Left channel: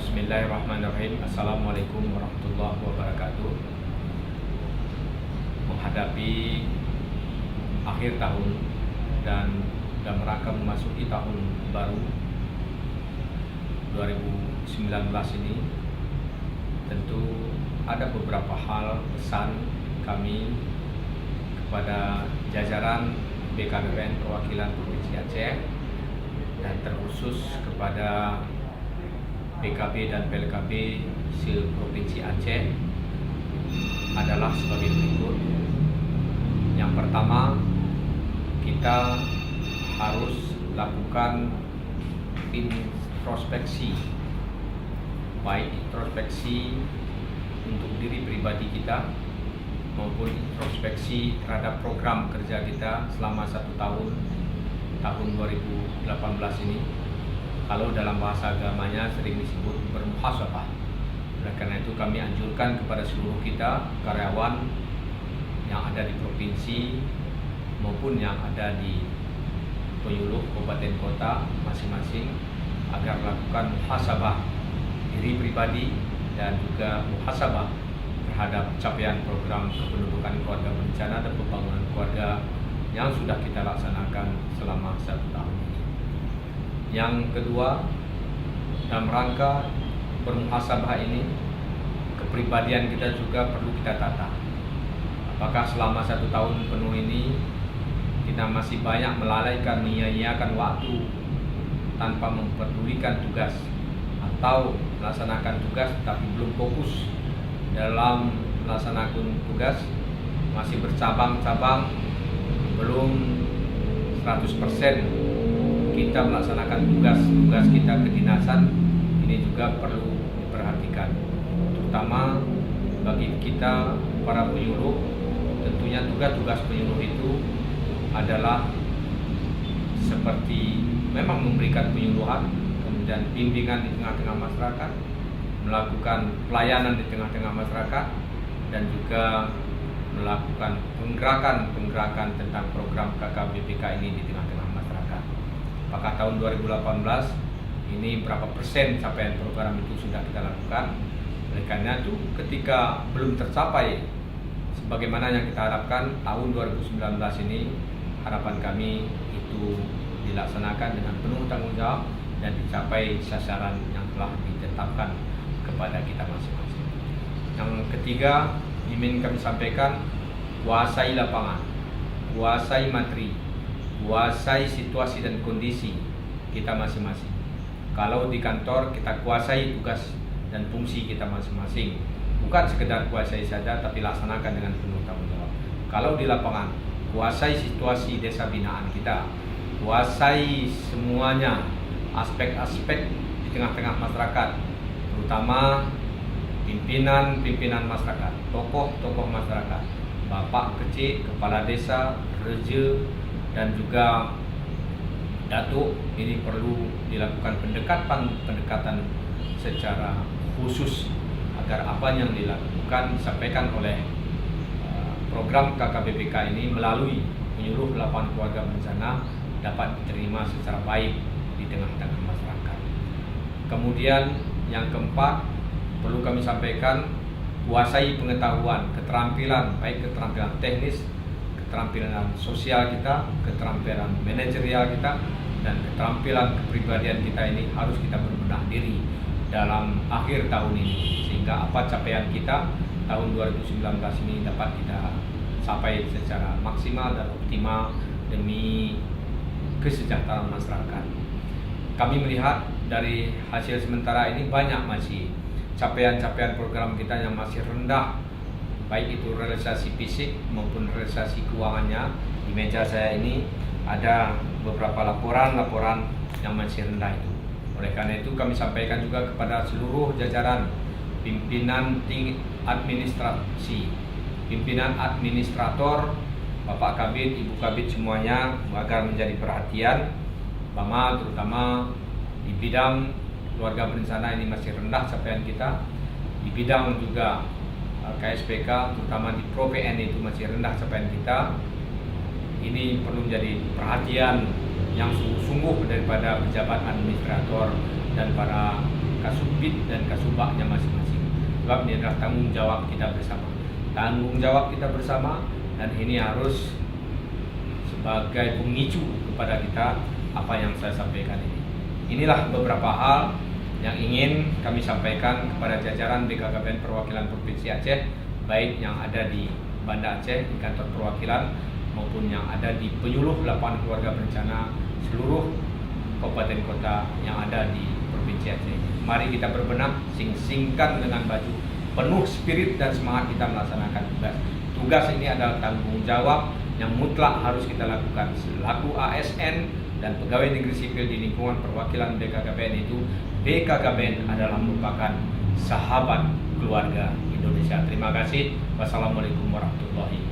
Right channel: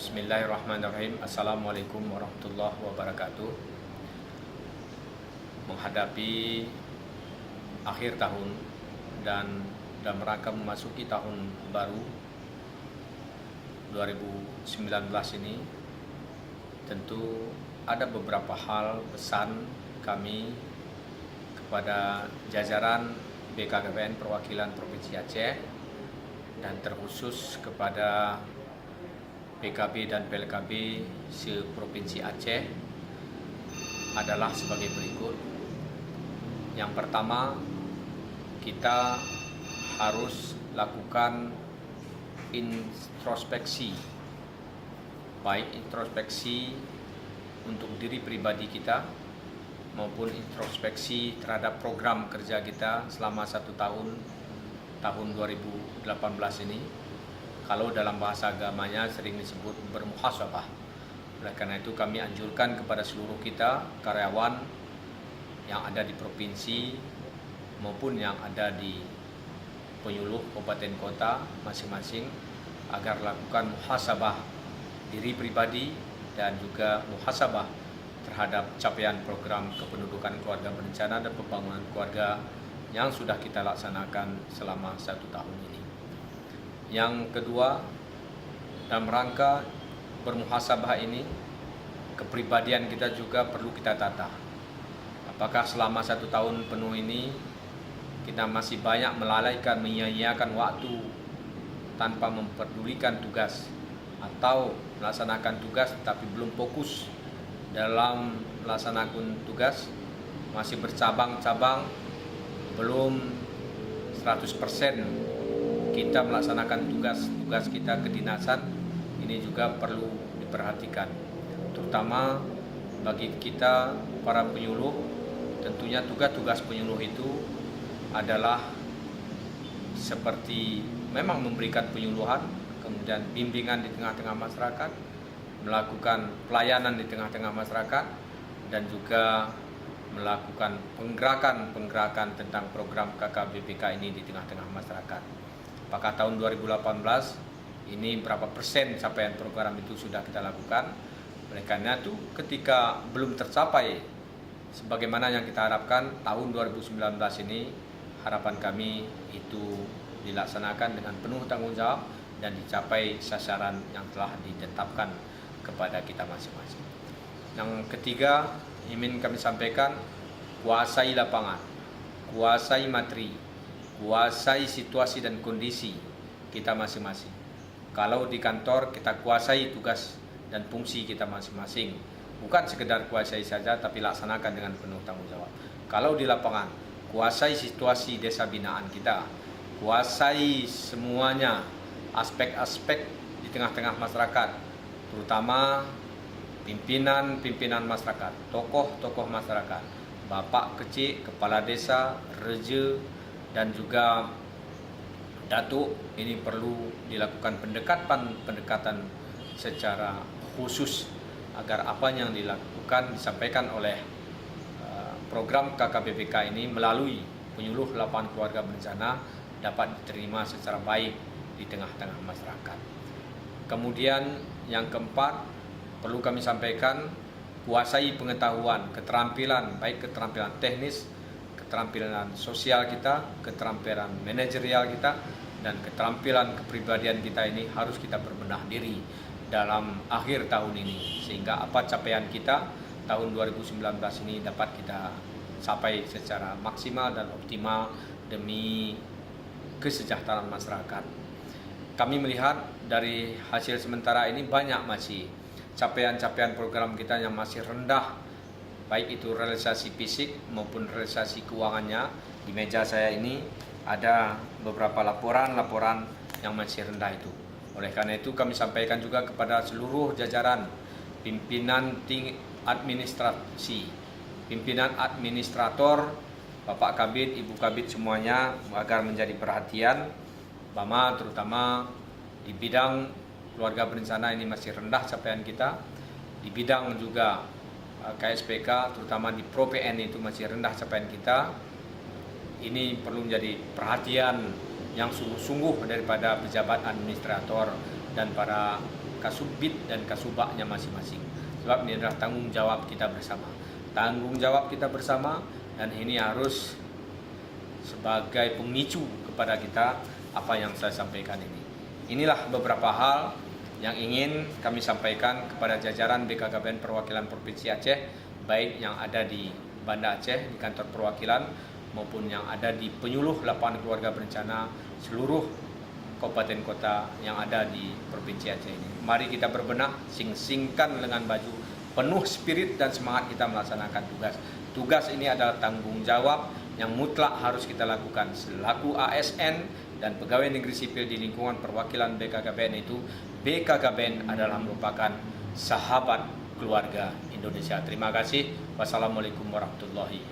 Bismillahirrahmanirrahim. Assalamualaikum warahmatullahi wabarakatuh. Menghadapi akhir tahun dan dalam rangka memasuki tahun baru 2019 ini, tentu ada beberapa hal pesan kami kepada jajaran BKBPN Perwakilan Provinsi Aceh dan terkhusus kepada PKB dan PLKB se-Provinsi Aceh adalah sebagai berikut. Yang pertama, kita harus lakukan introspeksi, baik introspeksi untuk diri pribadi kita maupun introspeksi terhadap program kerja kita selama 1 tahun 2018 ini. Kalau dalam bahasa agamanya sering disebut bermuhasabah. Oleh karena itu kami anjurkan kepada seluruh kita karyawan yang ada di provinsi maupun yang ada di penyuluh kabupaten kota masing-masing agar lakukan muhasabah diri pribadi dan juga muhasabah terhadap capaian program kependudukan keluarga berencana dan pembangunan keluarga yang sudah kita laksanakan selama 1 tahun ini. Yang kedua, dalam rangka bermuhasabah ini, kepribadian kita juga perlu kita tata. Apakah selama 1 tahun penuh ini kita masih banyak melalaikan, menyia-nyiakan waktu tanpa memperdulikan tugas, atau melaksanakan tugas tapi belum fokus dalam melaksanakan tugas, masih bercabang-cabang, belum 100% kita melaksanakan tugas kita kedinasan. Ini juga perlu diperhatikan, terutama bagi kita para penyuluh. Tentunya tugas penyuluh itu adalah seperti memang memberikan penyuluhan, kemudian bimbingan di tengah-tengah masyarakat, melakukan pelayanan di tengah-tengah masyarakat, dan juga melakukan penggerakan tentang program KKBPK ini di tengah-tengah masyarakat. Apakah tahun 2018 ini berapa persen capaian program itu sudah kita lakukan? Oleh karena itu, ketika belum tercapai sebagaimana yang kita harapkan, tahun 2019 ini harapan kami itu dilaksanakan dengan penuh tanggung jawab dan dicapai sasaran yang telah ditetapkan kepada kita masing-masing. Yang ketiga, ingin kami sampaikan, kuasai lapangan, kuasai materi, kuasai situasi dan kondisi kita masing-masing. Kalau di kantor, kita kuasai tugas dan fungsi kita masing-masing, bukan sekedar kuasai saja, tapi laksanakan dengan penuh tanggung jawab. Kalau di lapangan, kuasai situasi desa binaan kita, kuasai semuanya aspek-aspek di tengah-tengah masyarakat, terutama pimpinan masyarakat, tokoh-tokoh masyarakat, bapak kecil, kepala desa, reja, dan juga datuk. Ini perlu dilakukan pendekatan secara khusus agar apa yang dilakukan disampaikan oleh program KKBPK ini melalui penyuluh lapangan keluarga berencana dapat diterima secara baik di tengah-tengah masyarakat. Kemudian yang keempat, perlu kami sampaikan, kuasai pengetahuan, keterampilan, baik keterampilan teknis, keterampilan sosial kita, keterampilan manajerial kita, dan keterampilan kepribadian kita ini harus kita berbenah diri dalam akhir tahun ini, sehingga apa capaian kita tahun 2019 ini dapat kita capai secara maksimal dan optimal demi kesejahteraan masyarakat. Kami melihat dari hasil sementara ini banyak masih capaian-capaian program kita yang masih rendah, baik itu realisasi fisik maupun realisasi keuangannya. Di meja saya ini ada beberapa laporan yang masih rendah itu. Oleh karena itu kami sampaikan juga kepada seluruh jajaran pimpinan administrasi, pimpinan administrator, Bapak Kabid, Ibu Kabid semuanya, agar menjadi perhatian, terutama di bidang keluarga berencana ini masih rendah capaian kita. Di bidang juga KSPK, terutama di Pro PN itu masih rendah capaian kita. Ini perlu menjadi perhatian yang sungguh-sungguh daripada pejabat administrator dan para kasubit dan kasubaknya masing-masing. Sebab ini adalah tanggung jawab kita bersama. Tanggung jawab kita bersama, dan ini harus sebagai pemicu kepada kita apa yang saya sampaikan ini. Inilah beberapa hal yang ingin kami sampaikan kepada jajaran BKKBN Perwakilan Provinsi Aceh, baik yang ada di Banda Aceh di kantor perwakilan maupun yang ada di penyuluh lapangan keluarga berencana seluruh kabupaten kota yang ada di Provinsi Aceh. Mari kita berbenah, sing-singkan dengan baju, penuh spirit dan semangat kita melaksanakan tugas. Tugas ini adalah tanggung jawab yang mutlak harus kita lakukan selaku ASN dan pegawai negeri sipil di lingkungan perwakilan BKKBN itu. BKKBN adalah merupakan sahabat keluarga Indonesia. Terima kasih. Wassalamualaikum warahmatullahi wabarakatuh.